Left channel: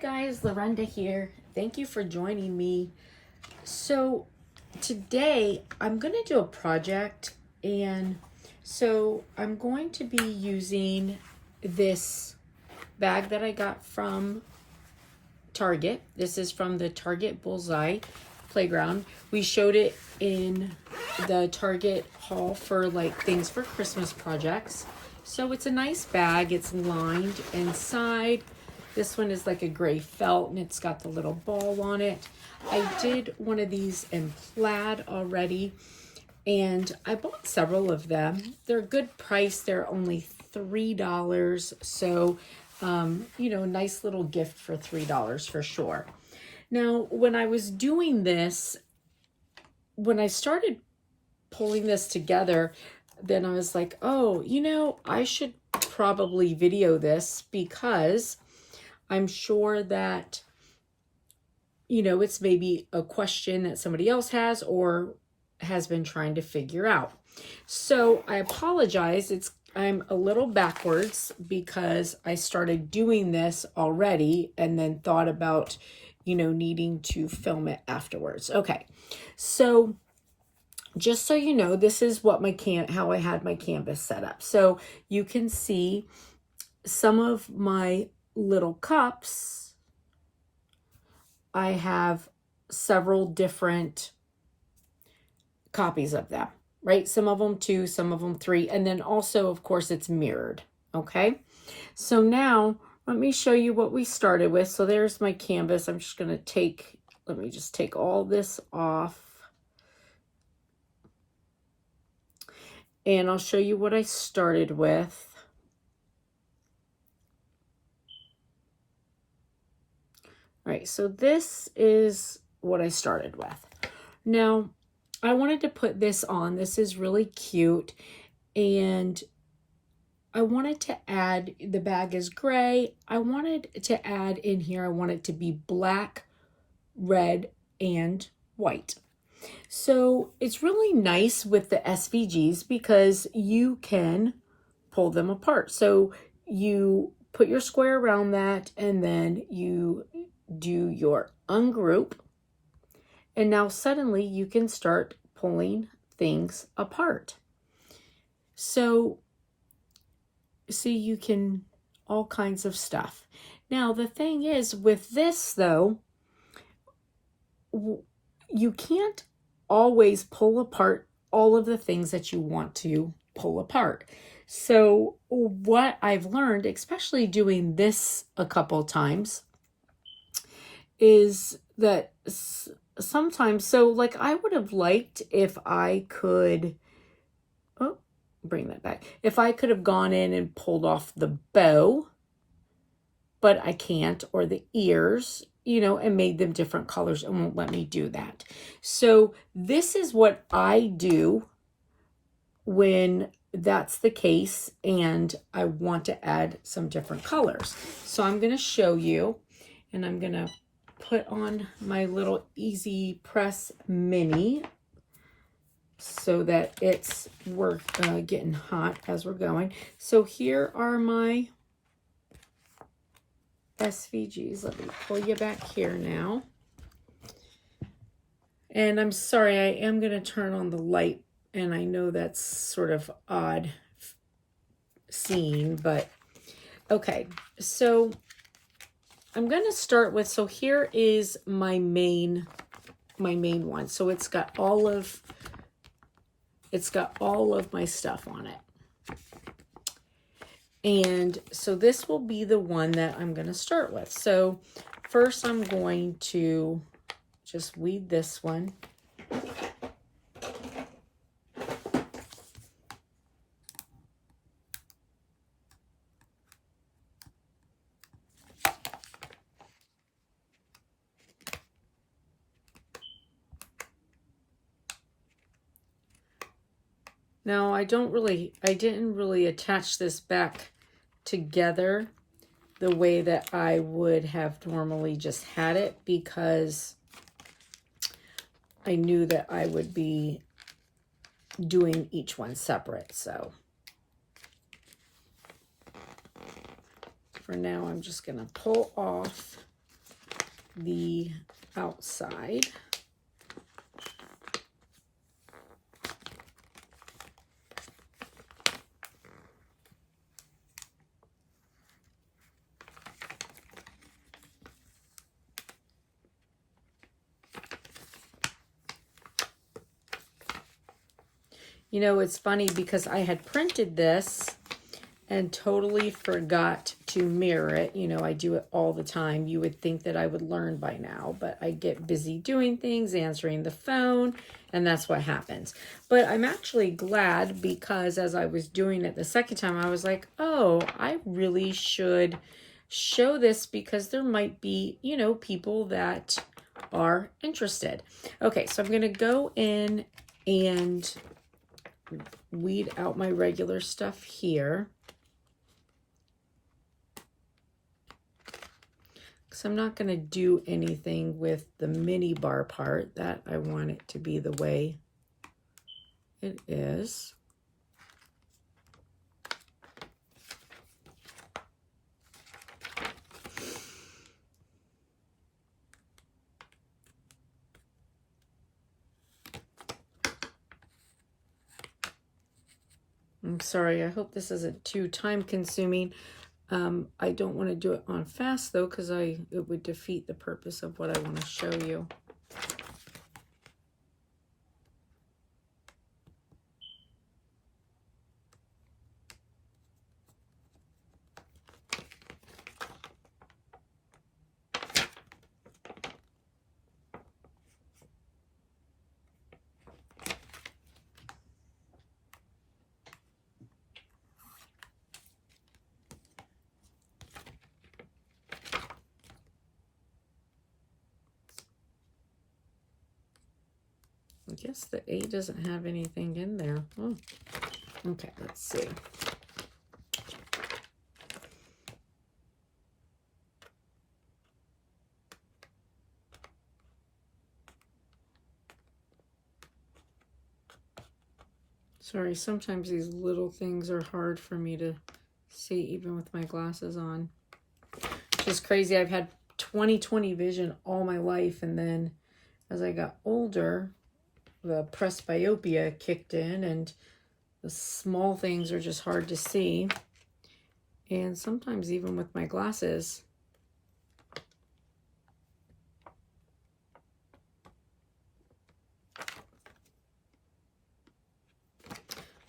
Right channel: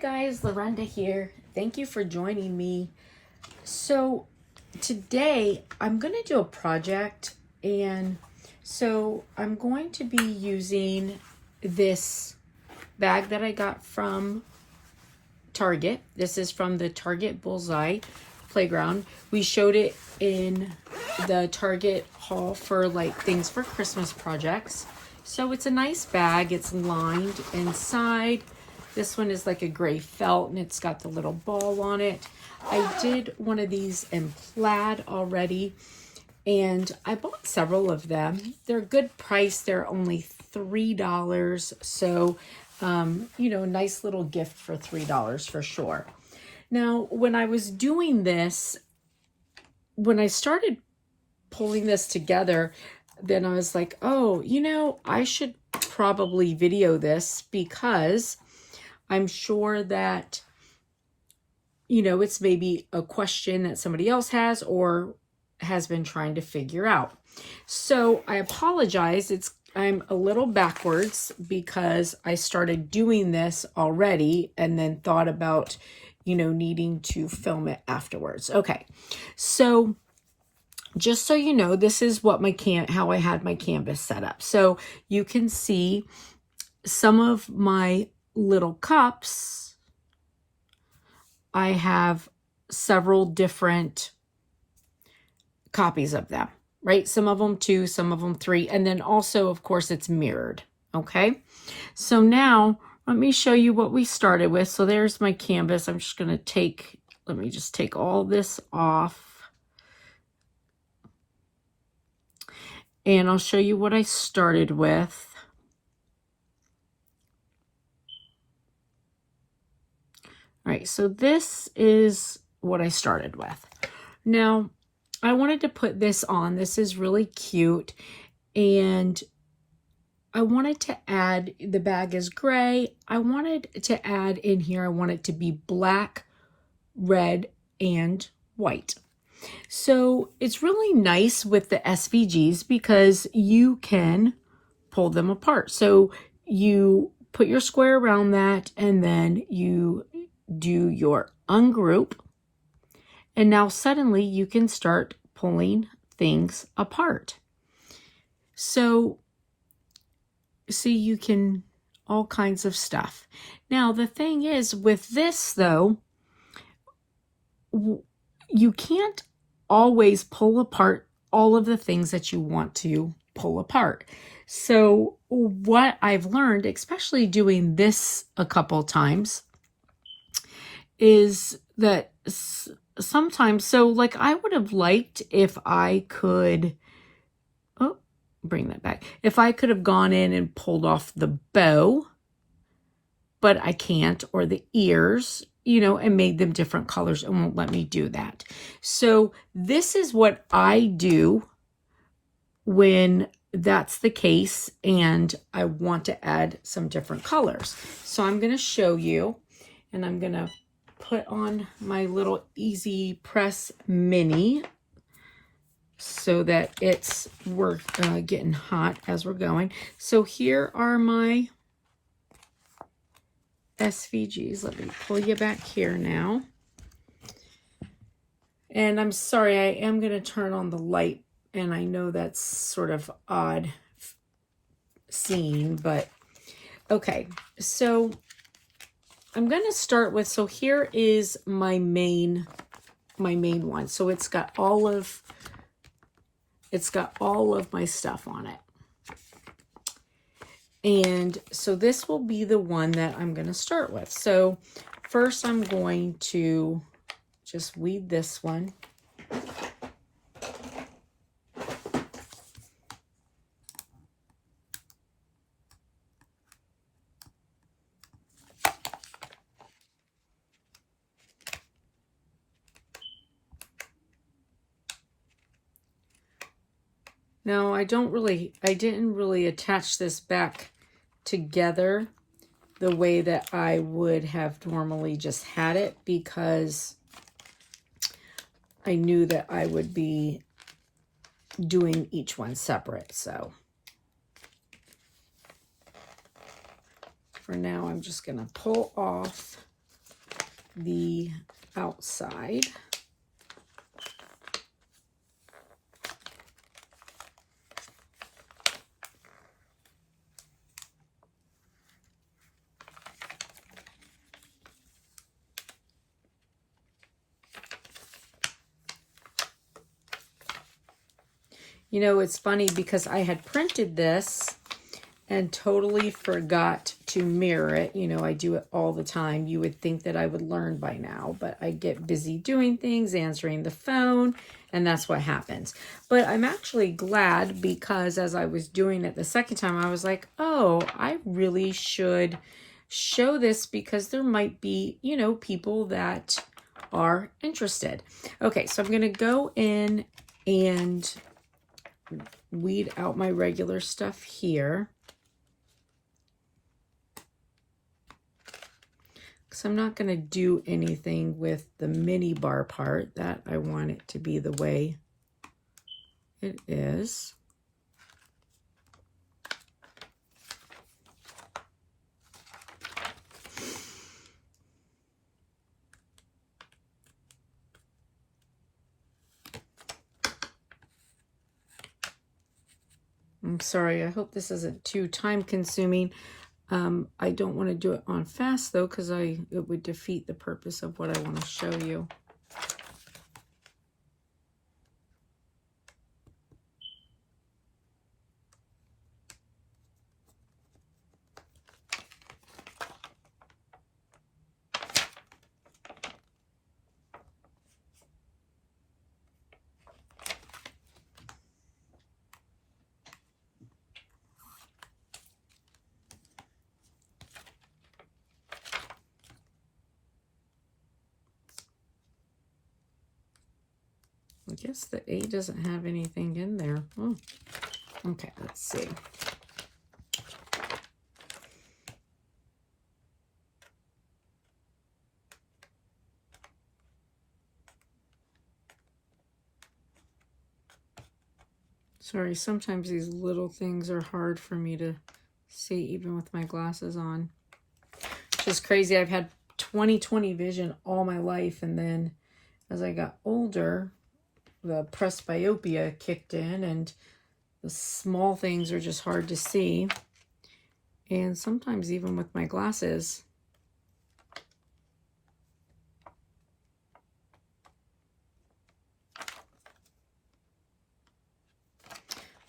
guys, Lorenda here. Thank you for joining me. So today I'm going to do a project, and so I'm going to be using this bag that I got from Target. This is from the Target Bullseye Playground. We showed it in the Target haul for like things for Christmas projects. So it's a nice bag. It's lined inside. This one is like a gray felt and it's got the little ball on it. I did one of these in plaid already and I bought several of them. They're a good price. They're only $3. So, you know, nice little gift for $3 for sure. Now, when I was doing this, when I started pulling this together, then I was like, oh, you know, I should probably video this because I'm sure that, you know, it's maybe a question that somebody else has or has been trying to figure out. So I apologize. I'm a little backwards because I started doing this already and then thought about, you know, needing to film it afterwards. Okay. So just so you know, this is what how I had my canvas set up. So you can see some of my little cups. I have several different copies of them, right? Some of them 2, some of them 3, and then also, of course, it's mirrored, okay? So now, let me show you what we started with. So there's my canvas. I'm just gonna let me just take all this off. And I'll show you what I started with. All right, so this is what I started with. Now, I wanted to put this on. This is really cute. And I wanted to add, the bag is gray. I wanted to add in here, I want it to be black, red, and white. So it's really nice with the SVGs because you can pull them apart. So you put your square around that and then you do your ungroup. And now suddenly you can start pulling things apart. So see, you can all kinds of stuff. Now the thing is with this though, you can't always pull apart all of the things that you want to pull apart. So what I've learned, especially doing this a couple times, is that sometimes, so like I would have liked if I could, oh, bring that back. If I could have gone in and pulled off the bow, but I can't, or the ears, you know, and made them different colors and won't let me do that. So this is what I do when that's the case and I want to add some different colors. So I'm going to show you, and I'm going to put on my little Easy Press Mini so that we're getting hot as we're going. So here are my SVGs. Let me pull you back here now. And I'm sorry, I am going to turn on the light, and I know that's sort of odd seeing, but okay. So I'm going to start with, so here is my main one. So it's got all of my stuff on it. And so this will be the one that I'm going to start with. So first I'm going to just weed this one. Now I didn't really attach this back together the way that I would have normally just had it because I knew that I would be doing each one separate. So for now, I'm just going to pull off the outside. You know, it's funny because I had printed this and totally forgot to mirror it. You know, I do it all the time. You would think that I would learn by now, but I get busy doing things, answering the phone, and that's what happens. But I'm actually glad because as I was doing it the second time, I was like, oh, I really should show this because there might be, you know, people that are interested. Okay, so I'm going to go in and weed out my regular stuff here. So I'm not going to do anything with the mini bar part. That I want it to be the way it is. I'm sorry, I hope this isn't too time consuming. I don't want to do it on fast though, because it would defeat the purpose of what I want to show you. I guess the A doesn't have anything in there. Oh, okay, let's see. Sorry, sometimes these little things are hard for me to see even with my glasses on. Which is crazy. I've had 20/20 vision all my life, and then as I got older, the presbyopia kicked in and the small things are just hard to see. And sometimes even with my glasses.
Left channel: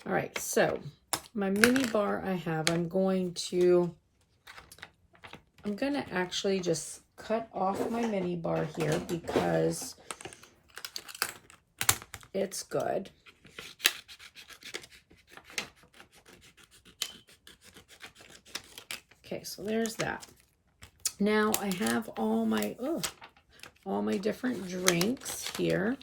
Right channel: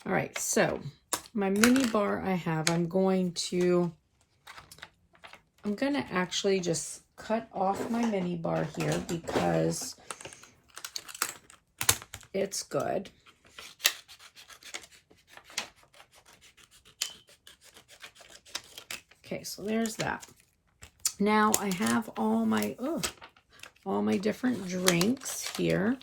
All right, so my mini bar I have, I'm going to actually just cut off my mini bar here because it's good. Okay, so there's that. Now I have all my different drinks here.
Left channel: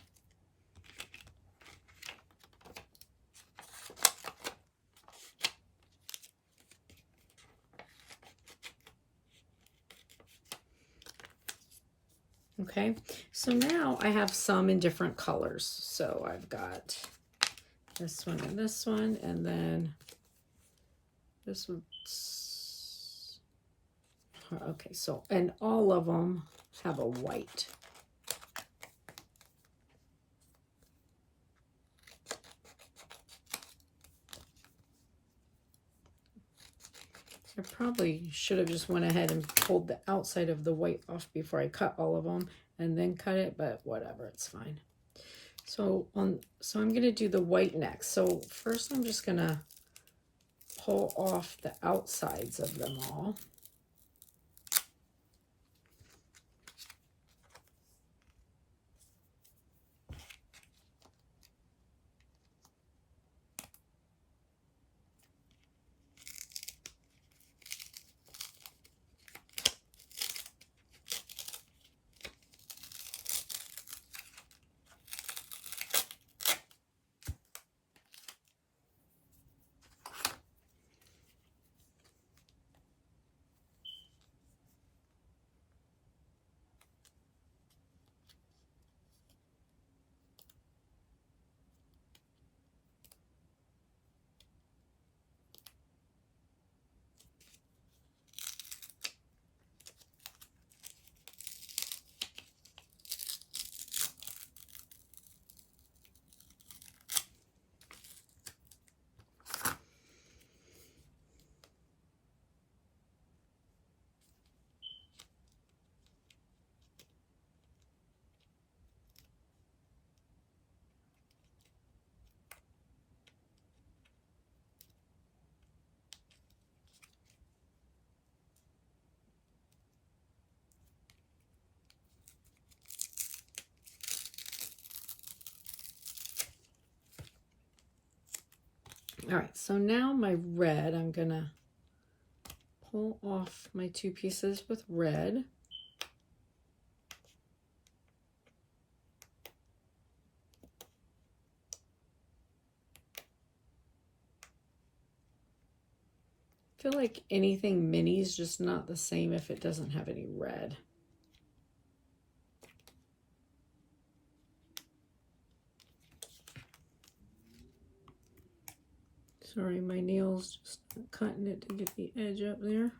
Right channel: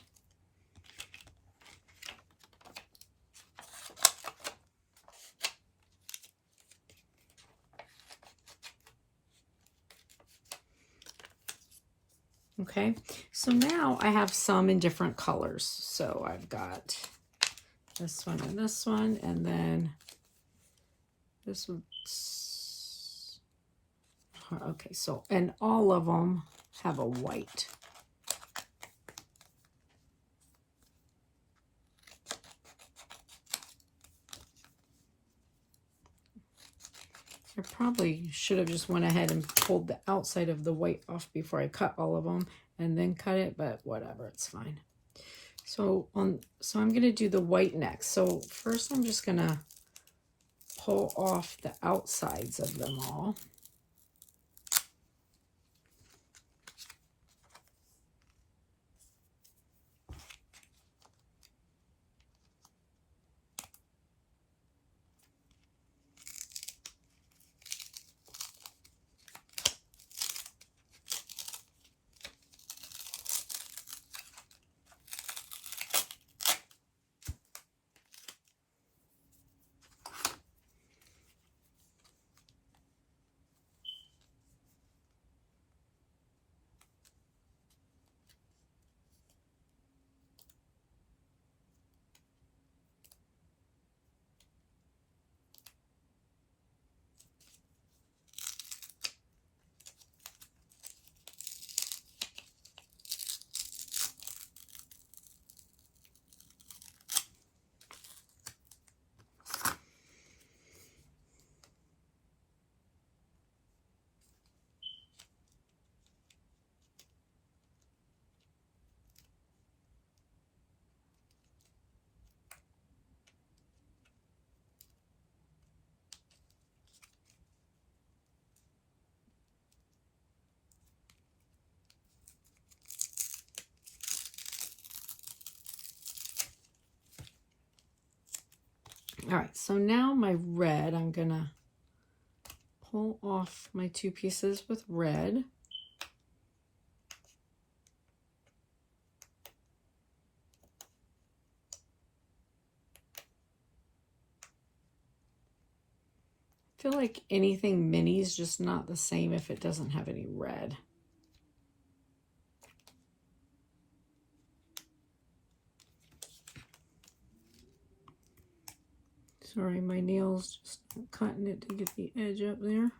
Okay, so now I have some in different colors. So I've got this one, and then this one. Okay, so, and all of them have a white. I probably should have just went ahead and pulled the outside of the white off before I cut all of them and then cut it, but whatever, it's fine. So I'm going to do the white next. So first I'm just going to pull off the outsides of them all. All right, so now my red, I'm gonna pull off my 2 pieces with red. I feel like anything mini is just not the same if it doesn't have any red. Sorry, my nails just cutting it to get the edge up there.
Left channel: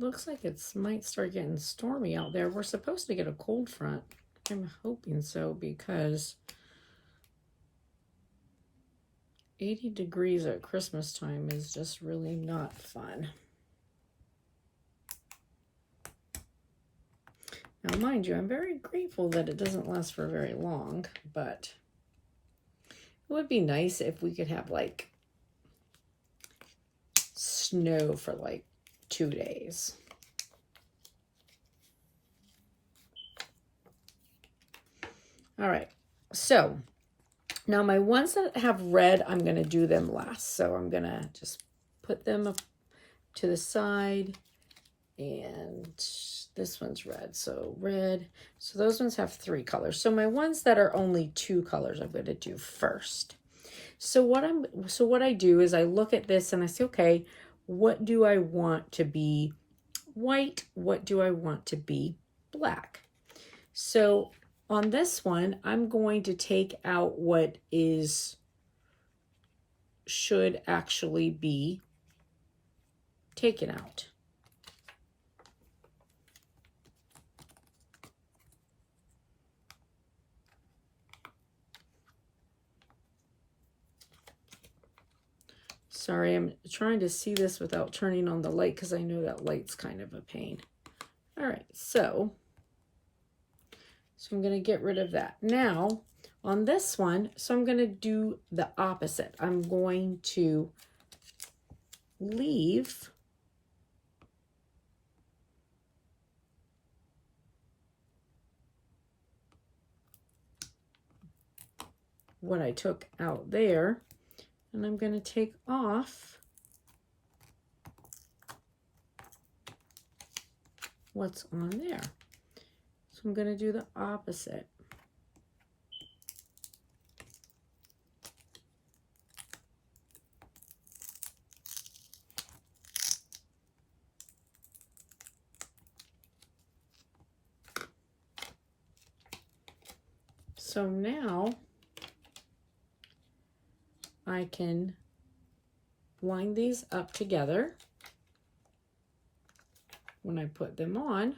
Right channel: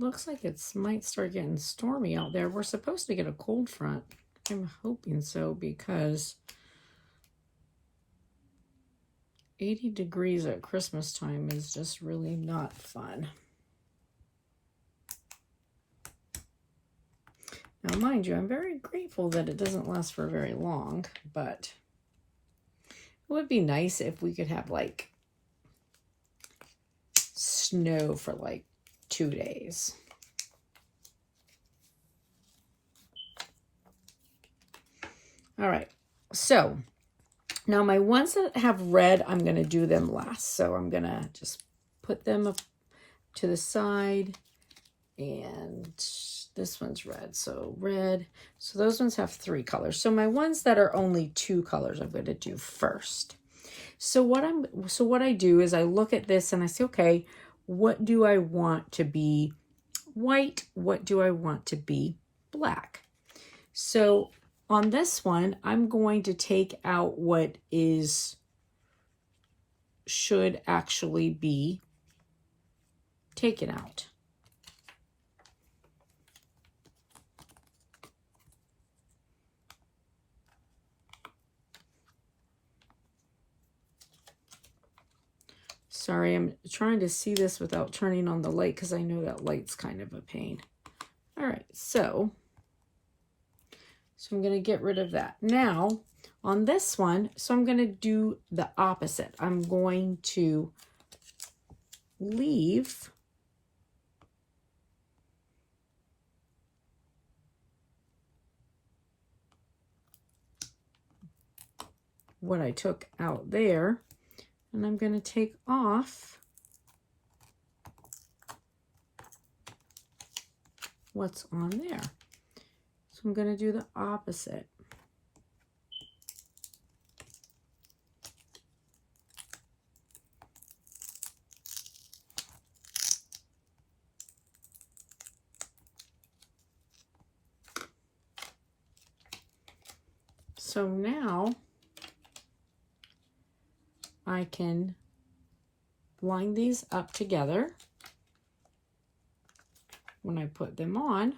Looks like it might start getting stormy out there. We're supposed to get a cold front. I'm hoping so because 80 degrees at Christmas time is just really not fun. Now, mind you, I'm very grateful that it doesn't last for very long, but it would be nice if we could have like snow for like 2 days. All right, so now my ones that have red, I'm going to do them last. So I'm going to just put them up to the side, and this one's red, so red. So those ones have 3 colors. So my ones that are only 2 colors, I'm going to do first. So what I do is I look at this and I say, okay, what do I want to be white? What do I want to be black? So on this one, I'm going to take out what should actually be taken out. Sorry, I'm trying to see this without turning on the light because I know that light's kind of a pain. All right, so I'm going to get rid of that. Now, on this one, so I'm going to do the opposite. I'm going to leave what I took out there, and I'm going to take off what's on there. So I'm going to do the opposite. So now I can line these up together when I put them on.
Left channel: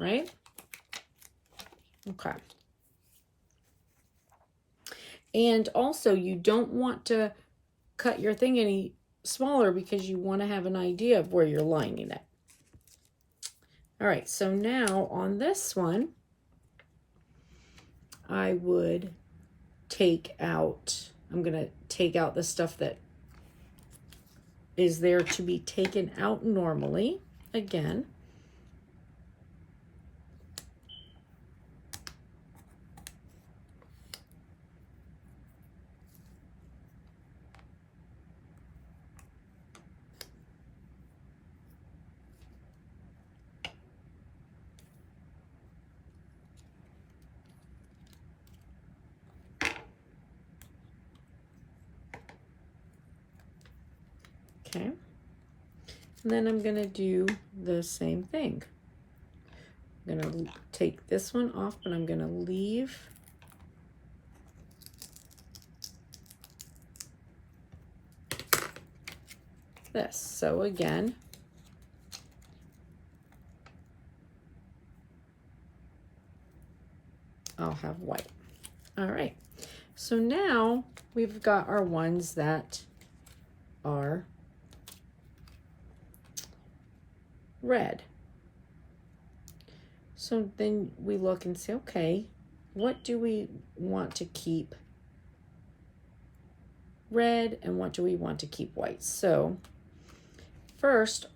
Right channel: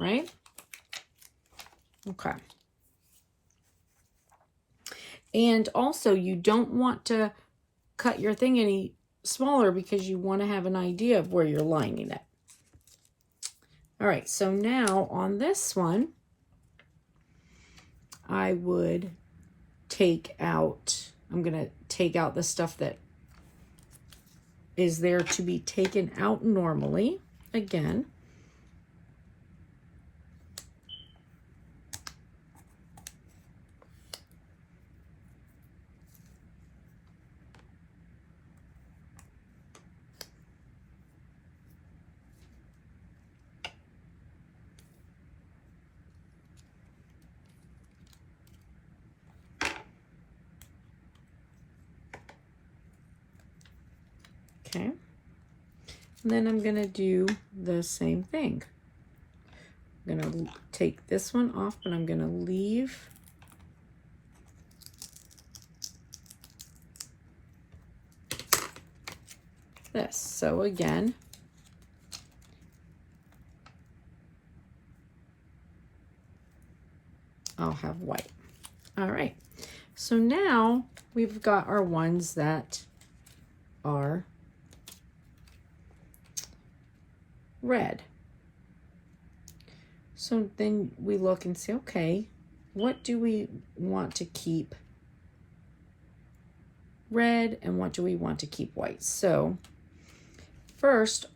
Right? Okay. And also, you don't want to cut your thing any smaller because you want to have an idea of where you're lining it. All right, so now on this one, I would take out, I'm going to take out the stuff that is there to be taken out normally. Again, okay, and then I'm going to do the same thing. I'm going to take this one off, but I'm going to leave this. So again, have white. All right, so now we've got our ones that are red. So then we look and say, okay, what do we want to keep red and what do we want to keep white? So first,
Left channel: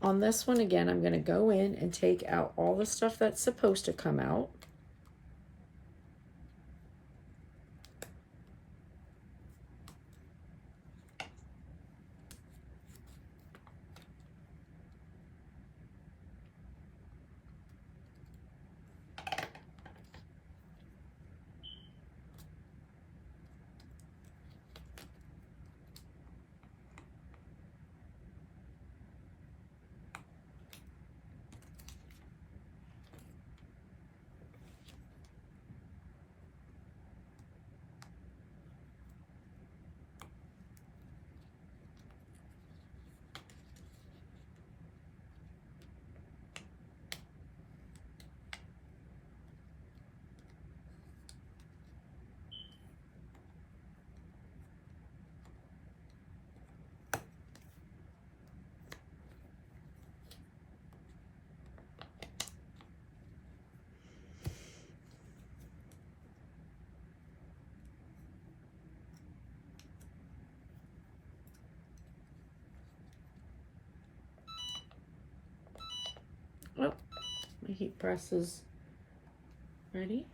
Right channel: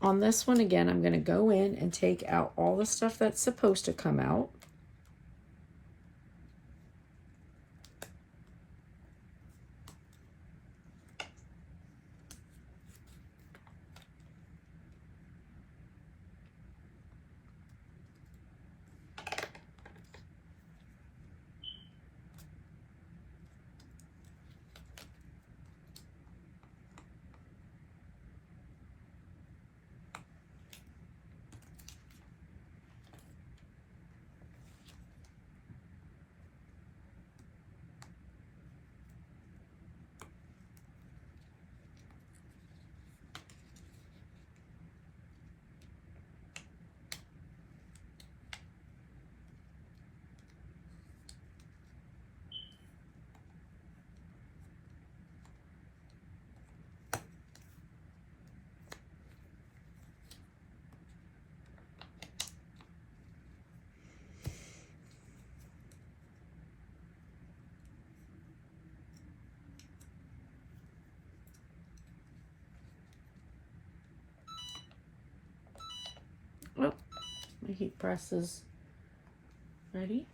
on this one again, I'm going to go in and take out all the stuff that's supposed to come out. Oh, my heat press is ready.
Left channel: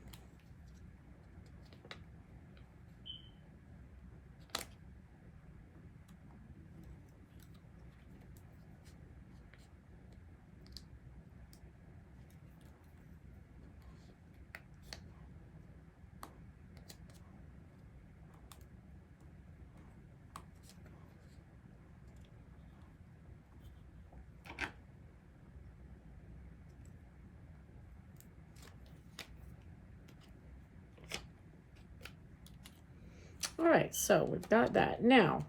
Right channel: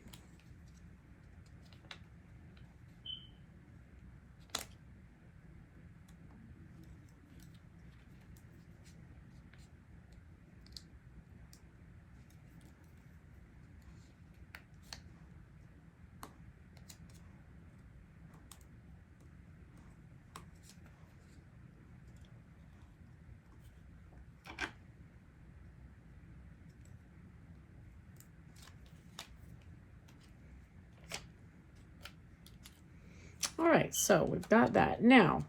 All right, so we've got that. Now,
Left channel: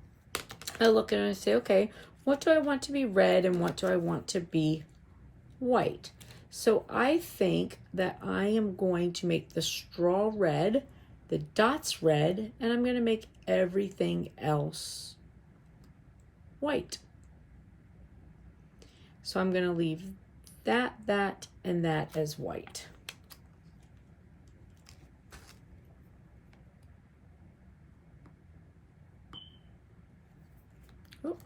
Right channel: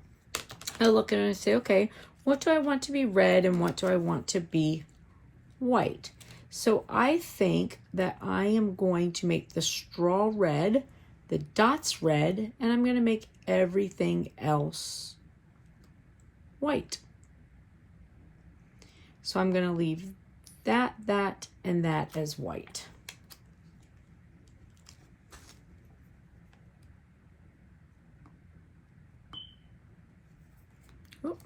I look and I say, okay, what do I want to be red and what do I want to be white? So I think that I am going to make the straw red, the dots red, and I'm going to make everything else white. So I'm going to leave that, and that as white. Oh.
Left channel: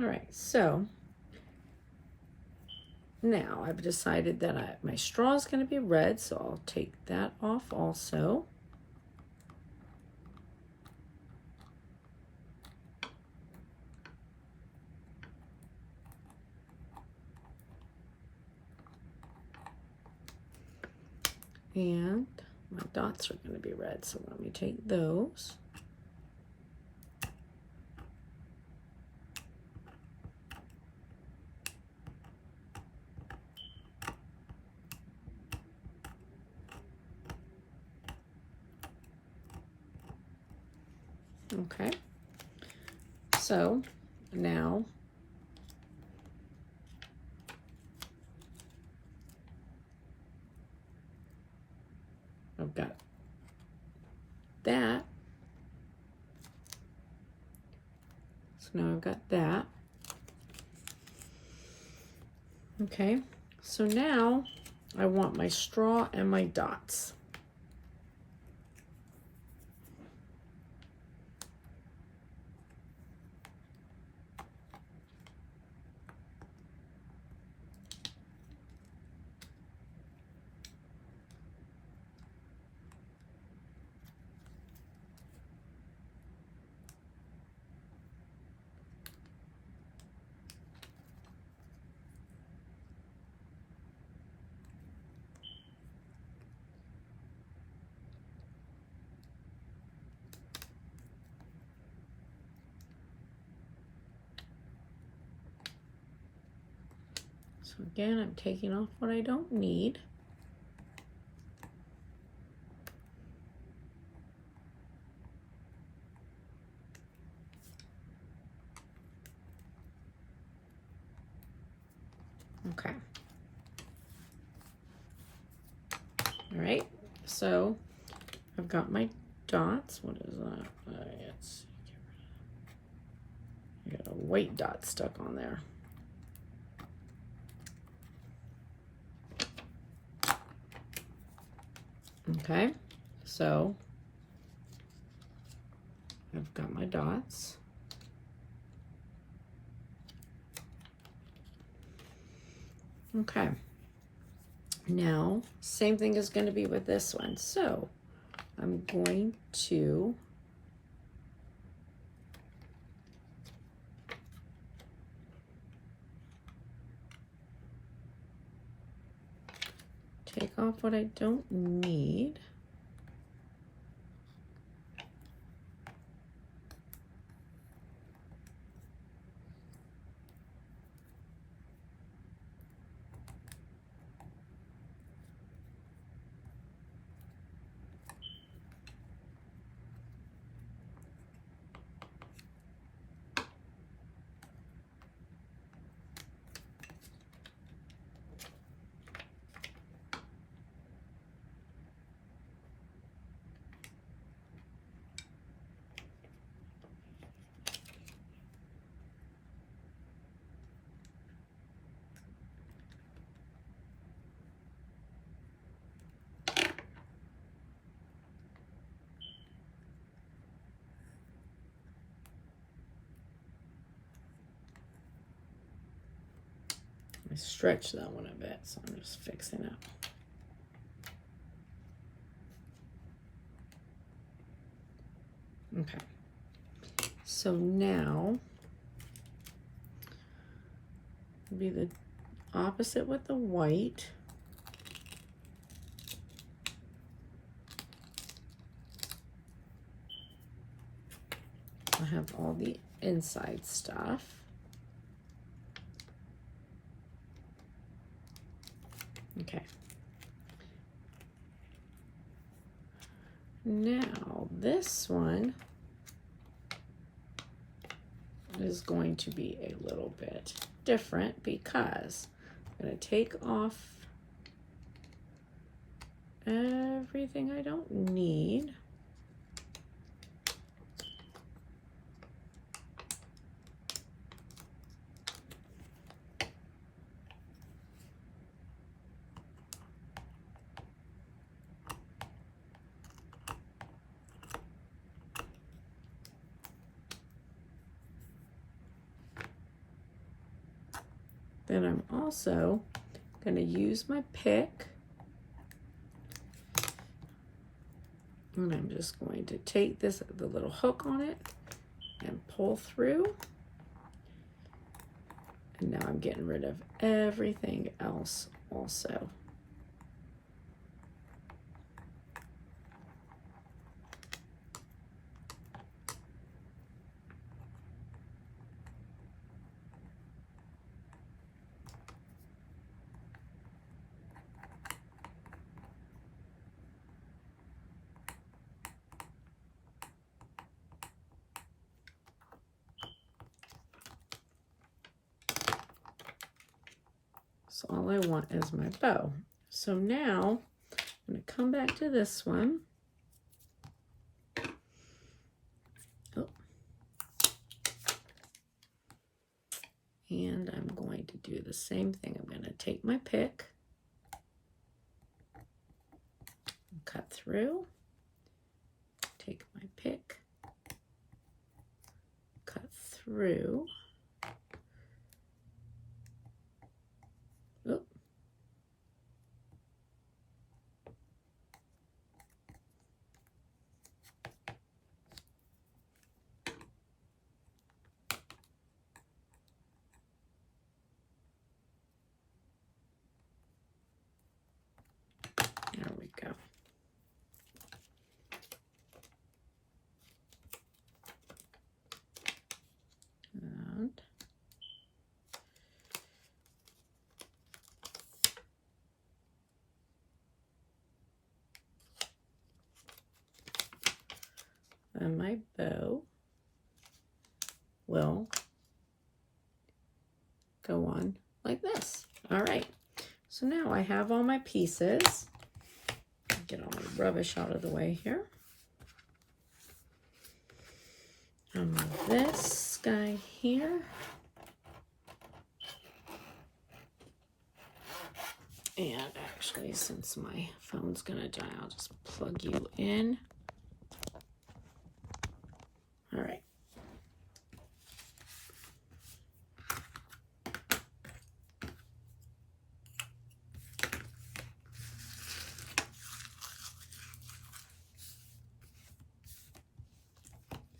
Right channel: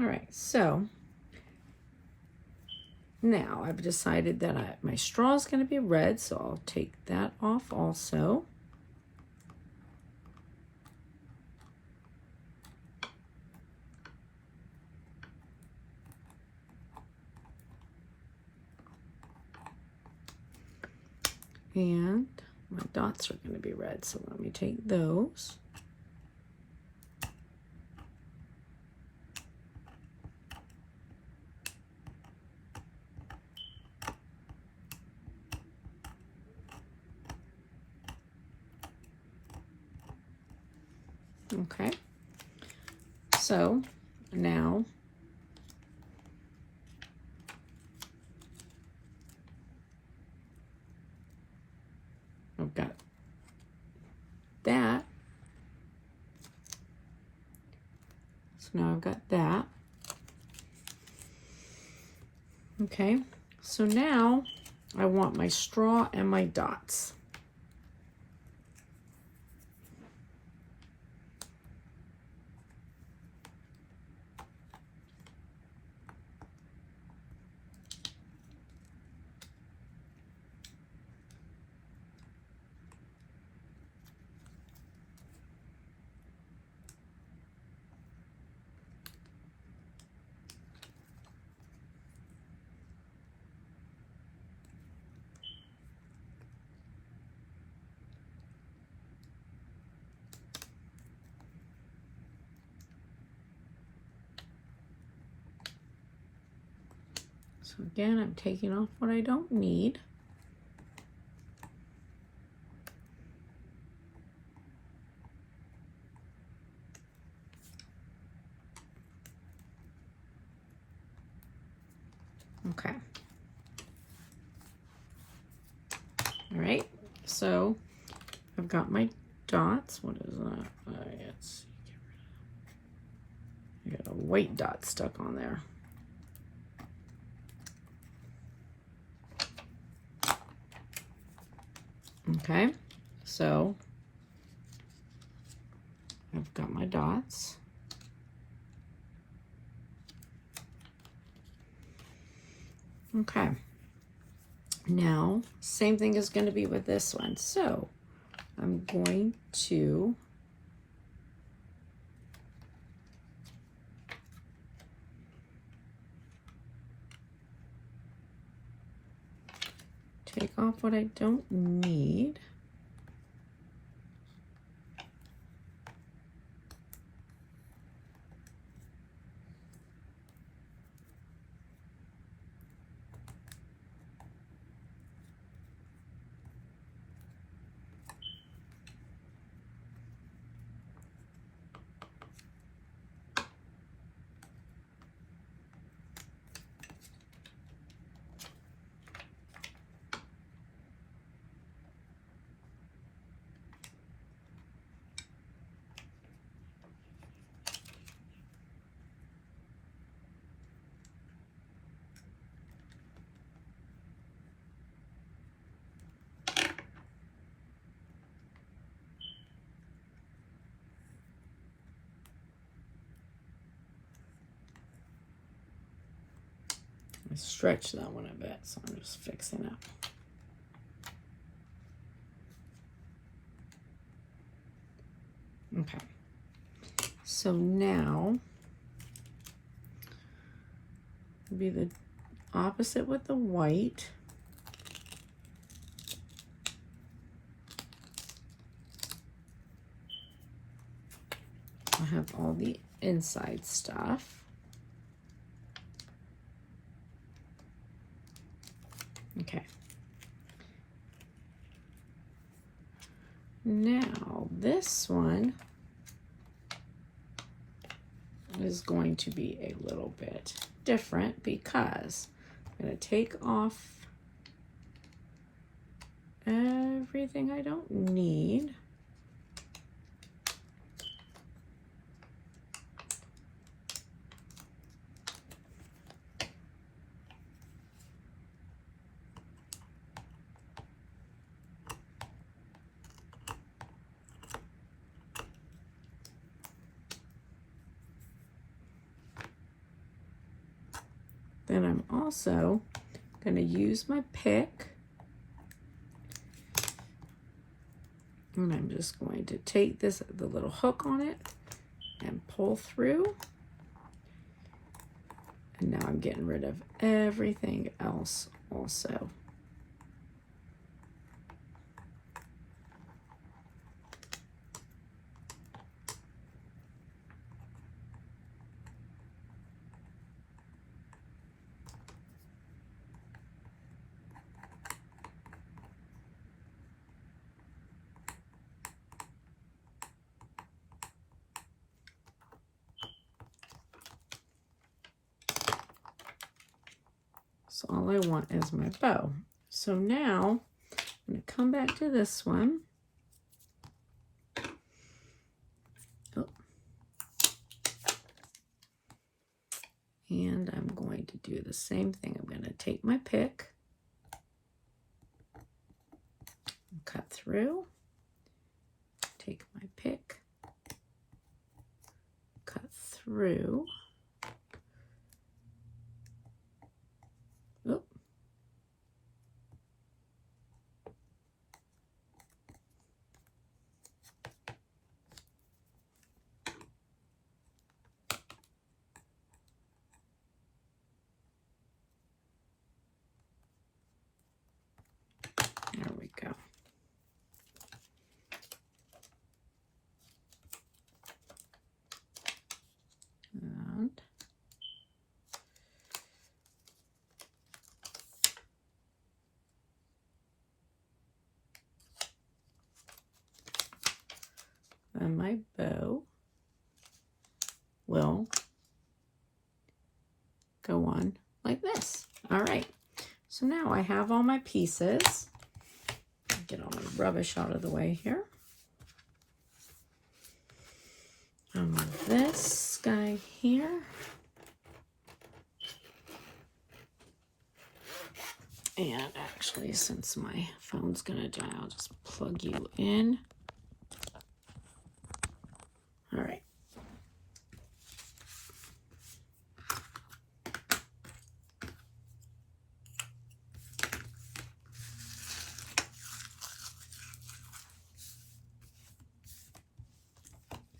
All right, so now I've decided that my straw is going to be red, so I'll take that off also. And my dots are going to be red, so let me take those. Okay, so now I've got that. So now I've got that. Okay, so now I want my straw and my dots. So again, I'm taking off what I don't need. Okay. All right, so I've got my dots. What is that? I got a white dot stuck on there. Okay, so I've got my dots. Okay, now same thing is going to be with this one. So I'm going to take off what I don't need. I stretched that one a bit, so I'm just fixing it. Okay, so now be the opposite with the white. I have all the inside stuff. Okay. Now this one is going to be a little bit different because I'm going to take off everything I don't need. Then I'm also going to use my pick, and I'm just going to take the little hook on it and pull through. And now I'm getting rid of everything else also. So all I want is my bow. So now I'm going to come back to this one. Oh. And I'm going to do the same thing. I'm going to take my pick, cut through, take my pick, cut through. Oop. There we go. And go on like this. All right, so now I have all my pieces. Get all the rubbish out of the way here. I'll move this guy here. And actually, since my phone's gonna die, I'll just plug you in. All right.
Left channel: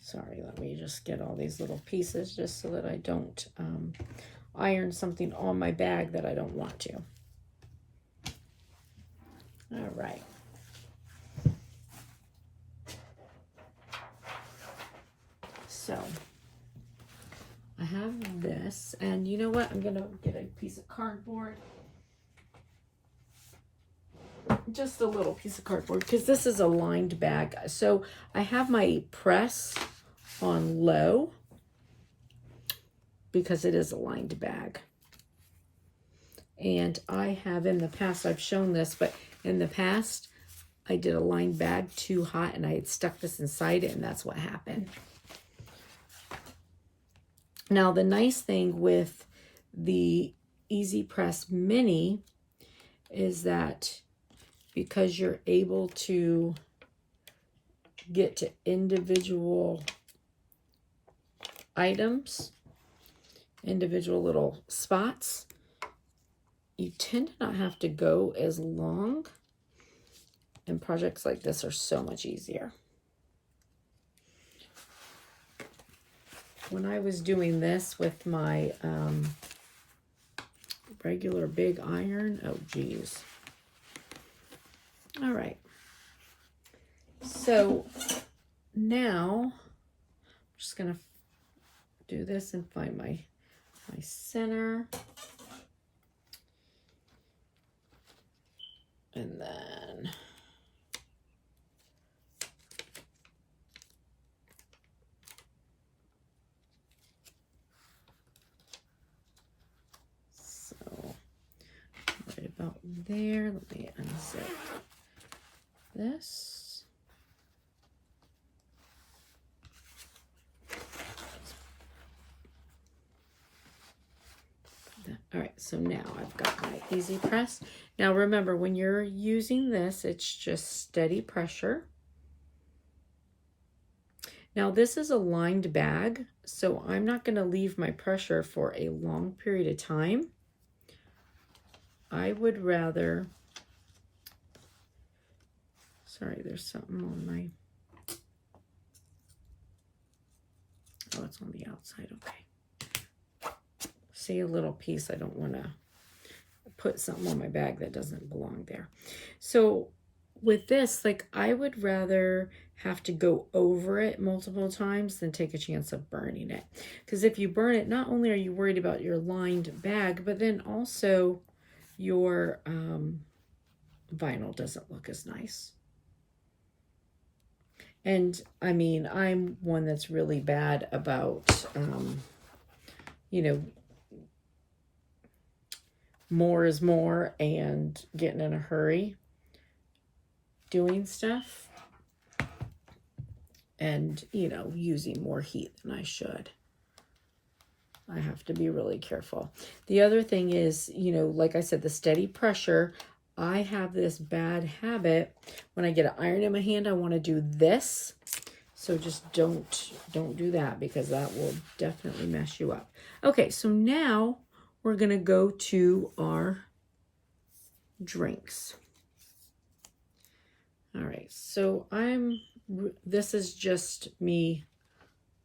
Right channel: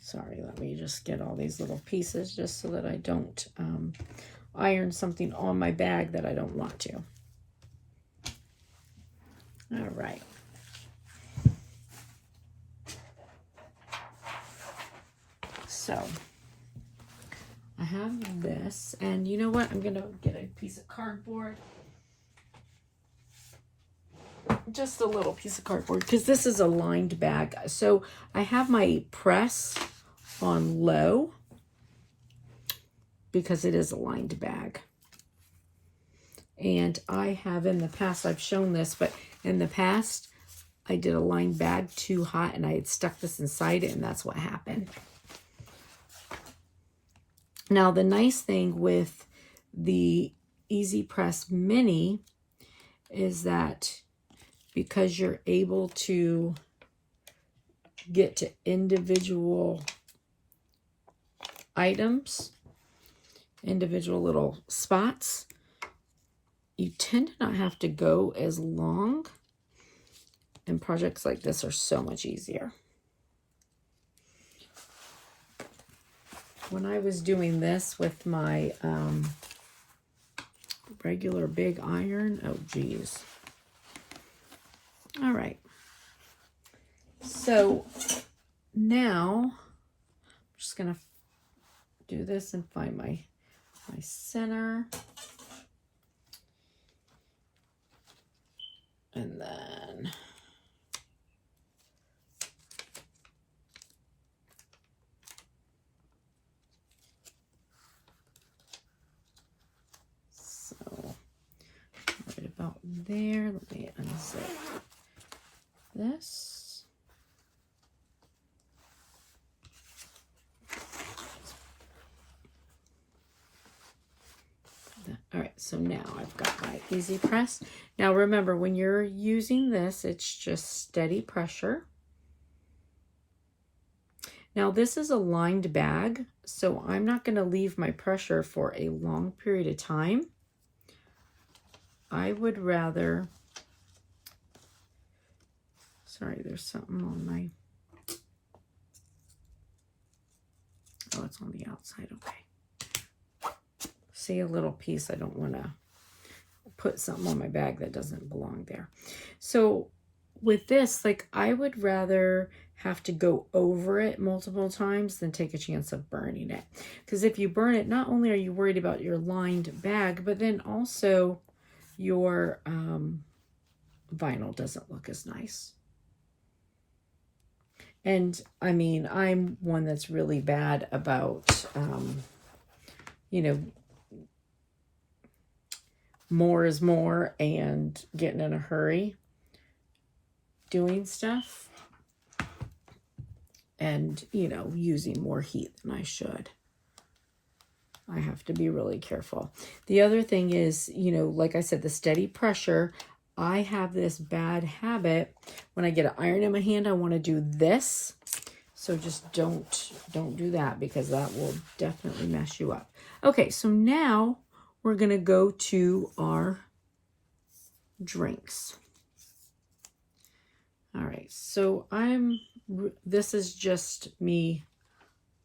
Sorry, let me just get all these little pieces just so that I don't iron something on my bag that I don't want to. All right. So I have this, and you know what? I'm gonna get a piece of cardboard. Just a little piece of cardboard, because this is a lined bag. So I have my press on low because it is a lined bag. And I have in the past, I've shown this, but in the past, I did a lined bag too hot and I had stuck this inside it, and that's what happened. Now, the nice thing with the Easy Press Mini is that because you're able to get to individual items, individual little spots, you tend to not have to go as long, and projects like this are so much easier. When I was doing this with my regular big iron, oh geez. All right. So now I'm just gonna do this and find my center. And then so right about there. Let me unzip this. All right, so now I've got my Easy Press. Now remember, when you're using this, it's just steady pressure. Now this is a lined bag, so I'm not going to leave my pressure for a long period of time. I would rather, sorry, there's something on my, oh, it's on the outside, okay. See, a little piece, I don't want to put something on my bag that doesn't belong there. So with this, like, I would rather have to go over it multiple times than take a chance of burning it. Because if you burn it, not only are you worried about your lined bag, but then also your vinyl doesn't look as nice. And I mean, I'm one that's really bad about, you know, more is more and getting in a hurry doing stuff and, you know, using more heat than I should. I have to be really careful. The other thing is, you know, like I said, the steady pressure. I have this bad habit. When I get an iron in my hand, I want to do this. So just don't do that, because that will definitely mess you up. Okay, so now we're going to go to our drinks. All right, so this is just me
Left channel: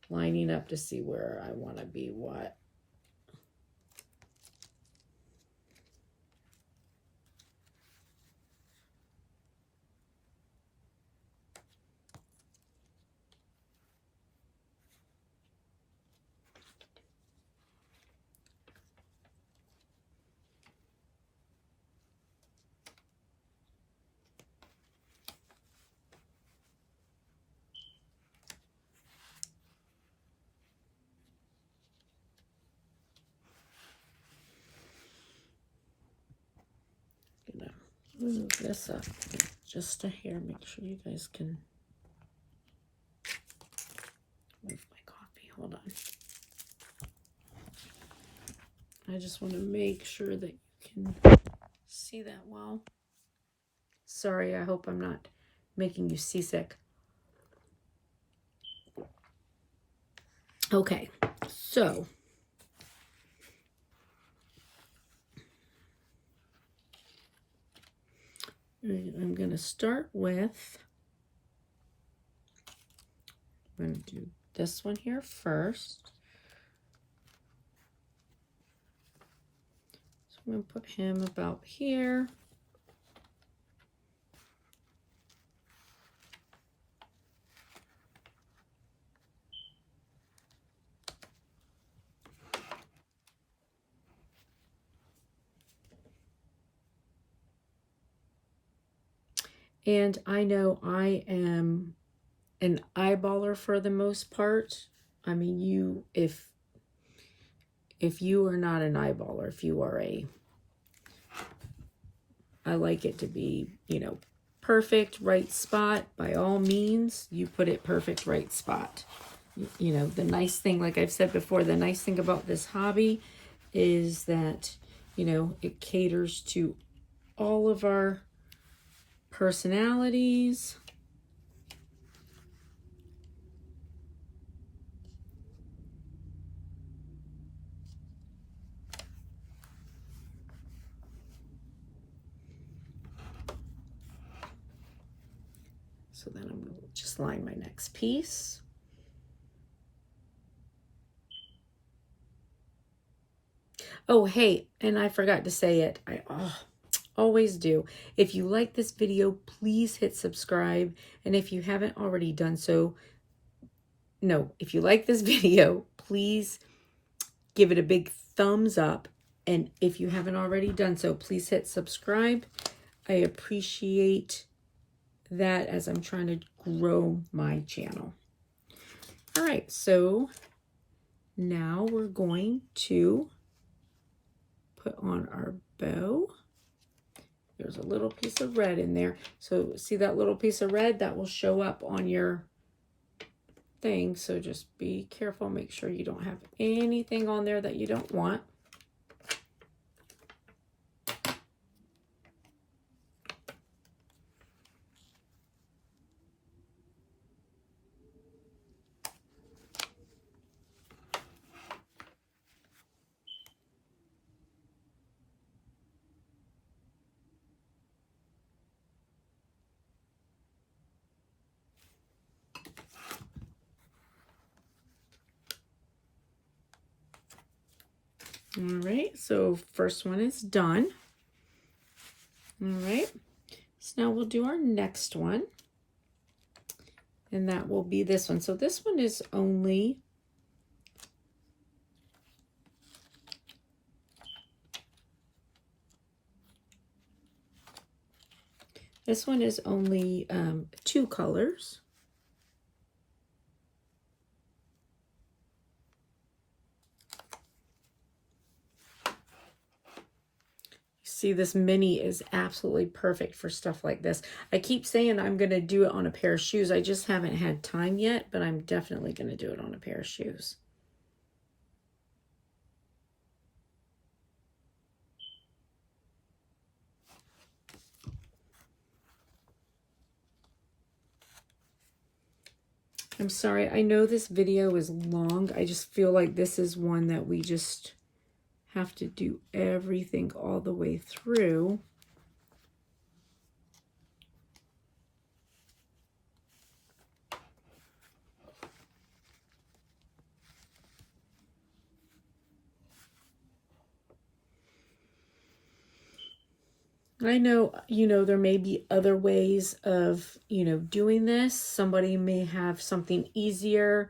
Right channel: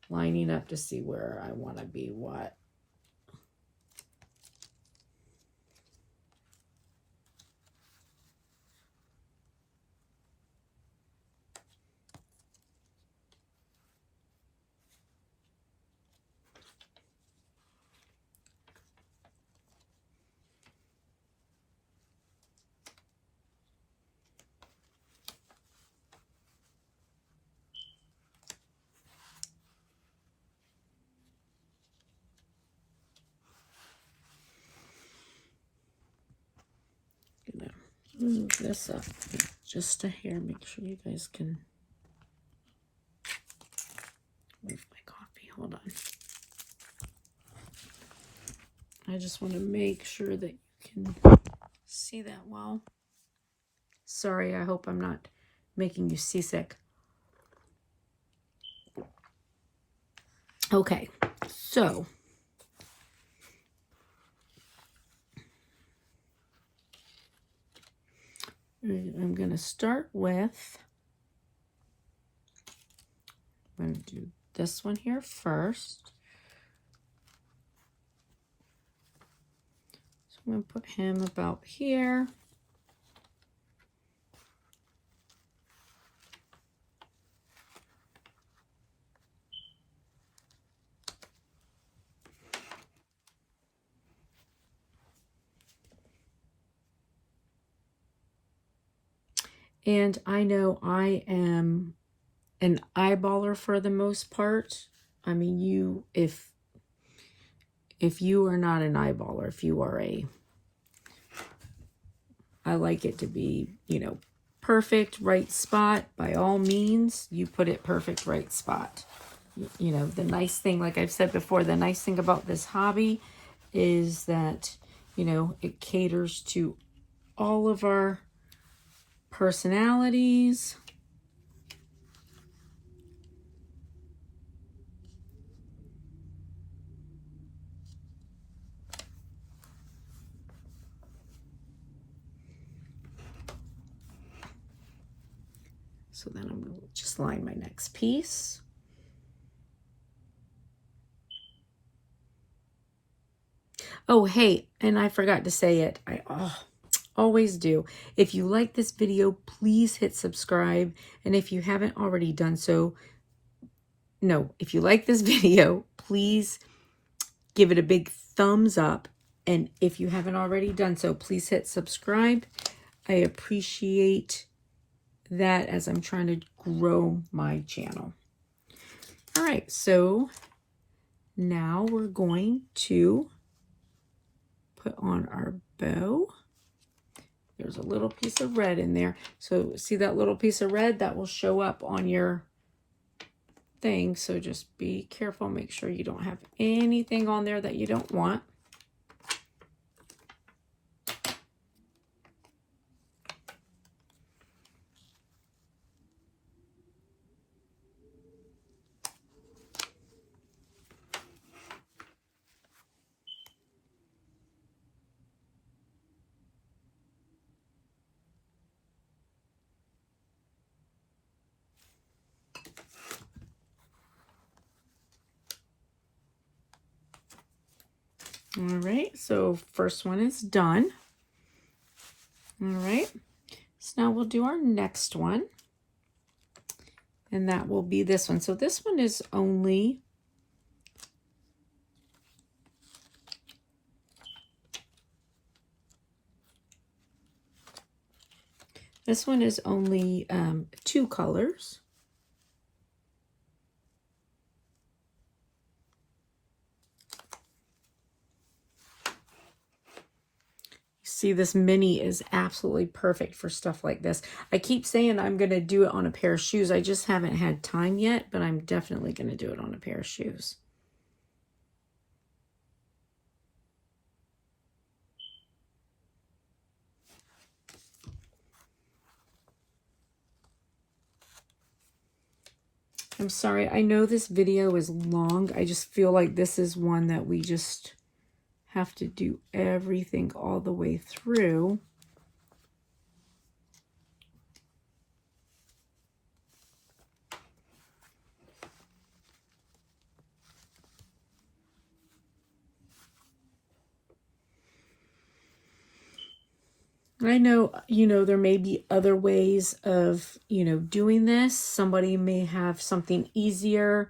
lining up to see where I want to be what. move this up just a hair. Make sure you guys can move my coffee. Hold on. I just want to make sure that you can see that well. Sorry, I hope I'm not making you seasick. Okay, so I'm going to start with, I'm going to do this one here first. So I'm going to put him about here. And I know I am an eyeballer for the most part. I mean, if you are not an eyeballer, if you are I like it to be, perfect, right spot. By all means, you put it perfect, right spot. The nice thing, like I've said before, the nice thing about this hobby is that, it caters to all of our personalities. So then I'm going to just line my next piece. Oh, hey, and I forgot to say it. I always do. If you like this video, please hit subscribe. And if you haven't already done so, if you like this video, please give it a big thumbs up. And if you haven't already done so, please hit subscribe. I appreciate that as I'm trying to grow my channel. All right, so now we're going to put on our bow. There's a little piece of red in there. So see that little piece of red? That will show up on your thing. So just be careful. Make sure you don't have anything on there that you don't want. All right, so first one is done. All right, so now we'll do our next one. And that will be this one. So this one is only two colors. See, this mini is absolutely perfect for stuff like this. I keep saying I'm going to do it on a pair of shoes. I just haven't had time yet, but I'm definitely going to do it on a pair of shoes. I'm sorry, I know this video is long. I just feel like this is one that we just have to do everything all the way through. I know, there may be other ways of, doing this. Somebody may have something easier.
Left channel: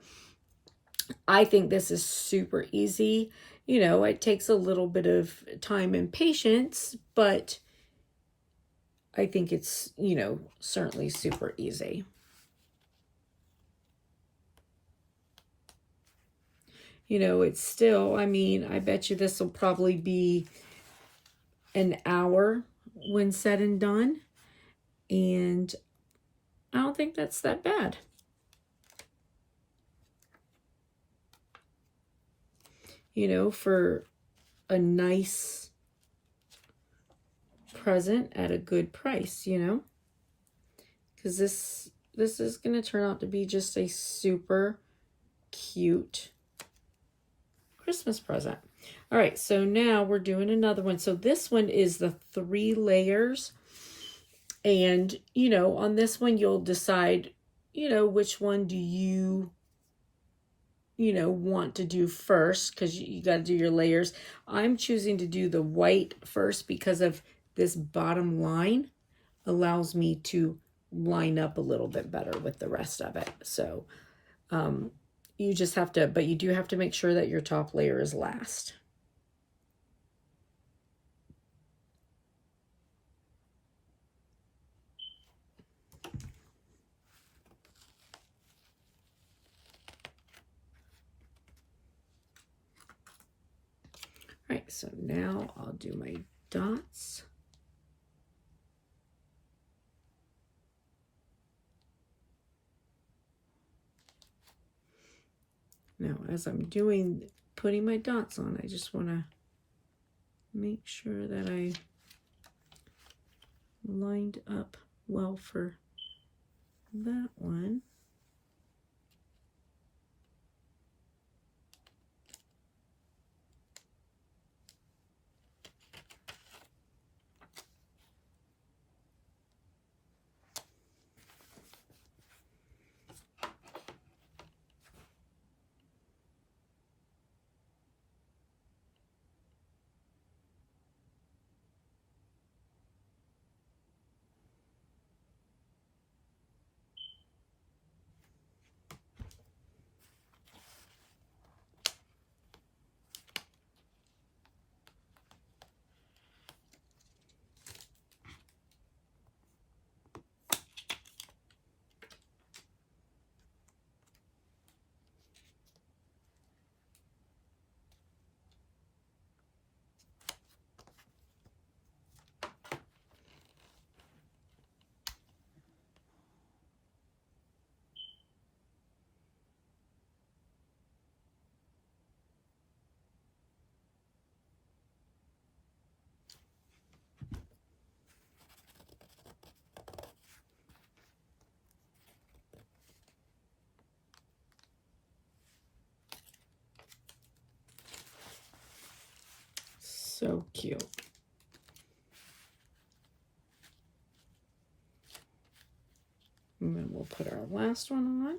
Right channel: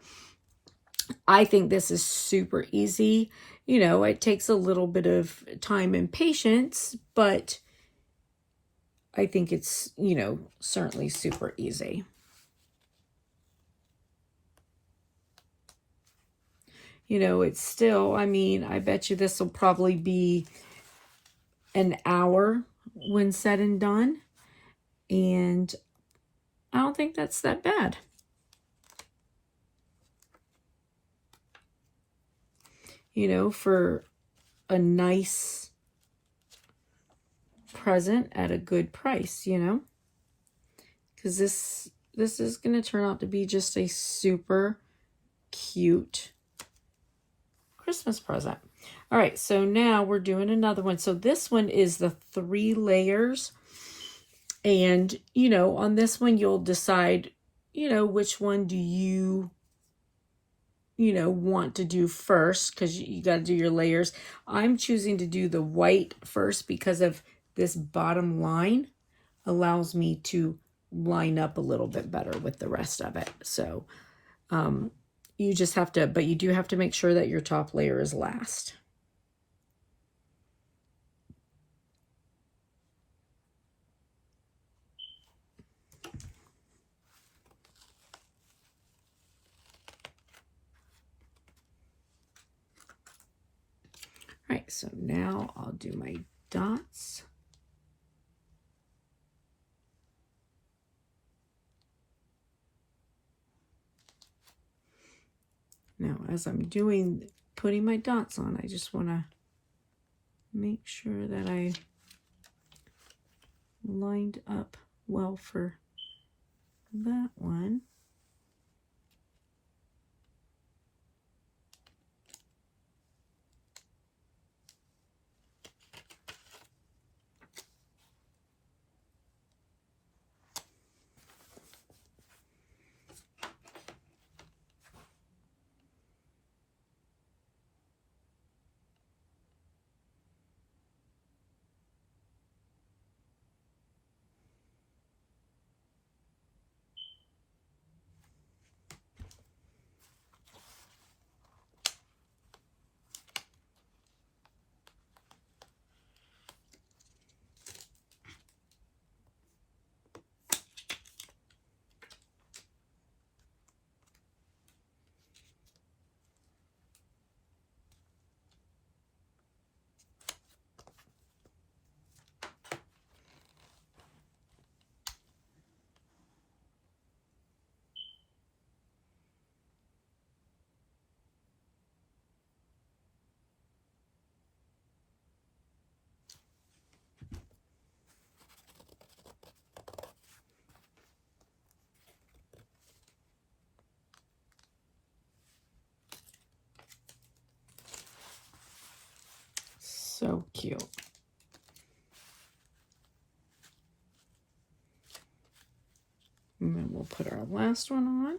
I think this is super easy. It takes a little bit of time and patience, but I think it's, certainly super easy. It's still, I bet you this will probably be an hour when said and done. And I don't think that's that bad. You know, for a nice present at a good price, you know, because this is going to turn out to be just a super cute Christmas present. All right, so now we're doing another one. So this one is the 3 layers. And, you know, on this one, you'll decide, you know, which one do you want to do first, because you got to do your layers. I'm choosing to do the white first because of this bottom line allows me to line up a little bit better with the rest of it. So you just have to, but you do have to make sure that your top layer is last. All right, so now I'll do my dots. Now, as I'm putting my dots on, I just want to make sure that I lined up well for that one. So cute. And then we'll put our last one on.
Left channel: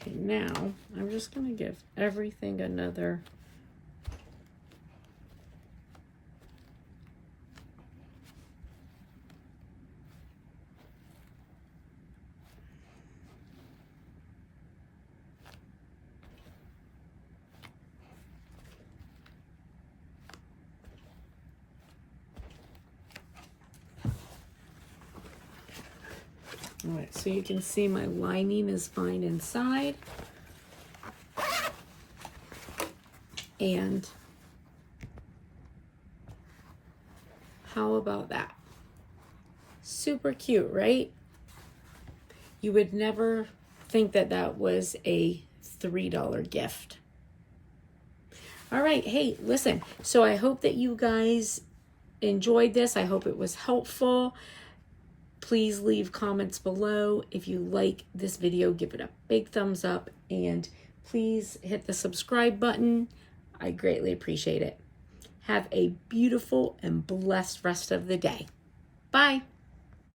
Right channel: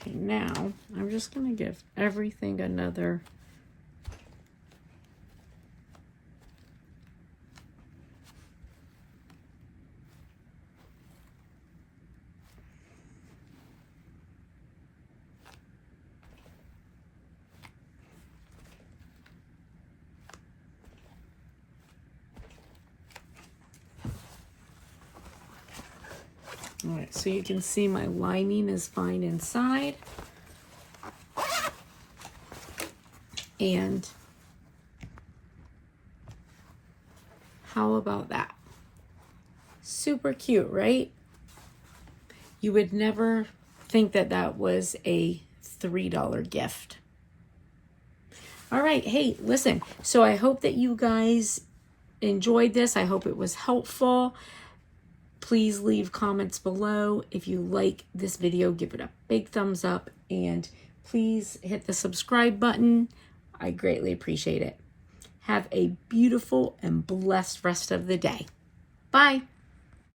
Okay, now I'm just going to give everything another All right, so you can see my lining is fine inside. And how about that? Super cute, right? You would never think that that was a $3 gift. All right. Hey, listen. So I hope that you guys enjoyed this. I hope it was helpful. Please leave comments below. If you like this video, give it a big thumbs up, and please hit the subscribe button. I greatly appreciate it. Have a beautiful and blessed rest of the day. Bye.